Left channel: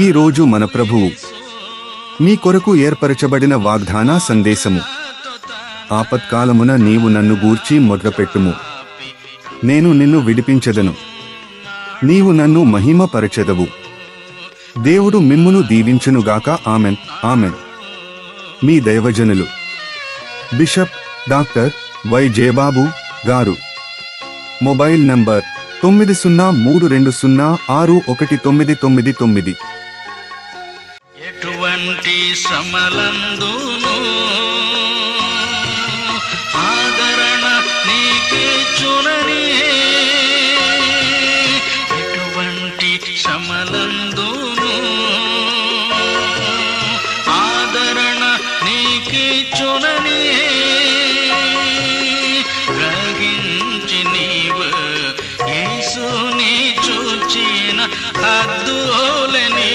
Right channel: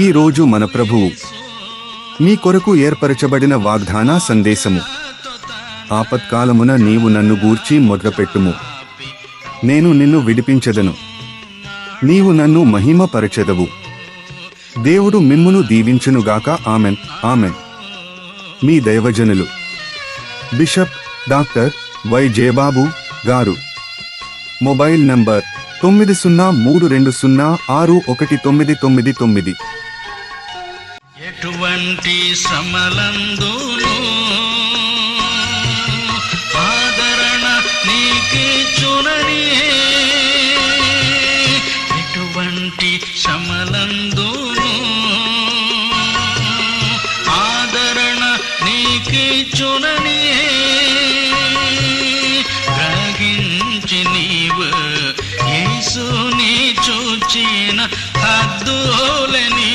ఈ రోజు మన ప్రభువు నీ కొరకు ఏర్పరచబడిన వాగ్దాన సందేశము. ఆపత్కాలమున నీవు నన్ను గూర్చి మొదలుపెట్టుము, నేను నిన్ను విడిపించెదను, నీవు నన్ను మహిమపరచెదవు. దేవుడు మిమ్మును దీవించునుగాక. Amen, amen. మీ దైవజనులు బిషప్ డాక్టర్ వై జయబాబు గారు. Mobile number 9032061999. ఎటువంటి శ్రమలందును ఆదరణ నీకిచ్చునని, ఎటువంటి శ్రమలందును ఆదరణ నీకిచ్చునని గ్రహించి నీవు యేసుని చూచిన అద్దులని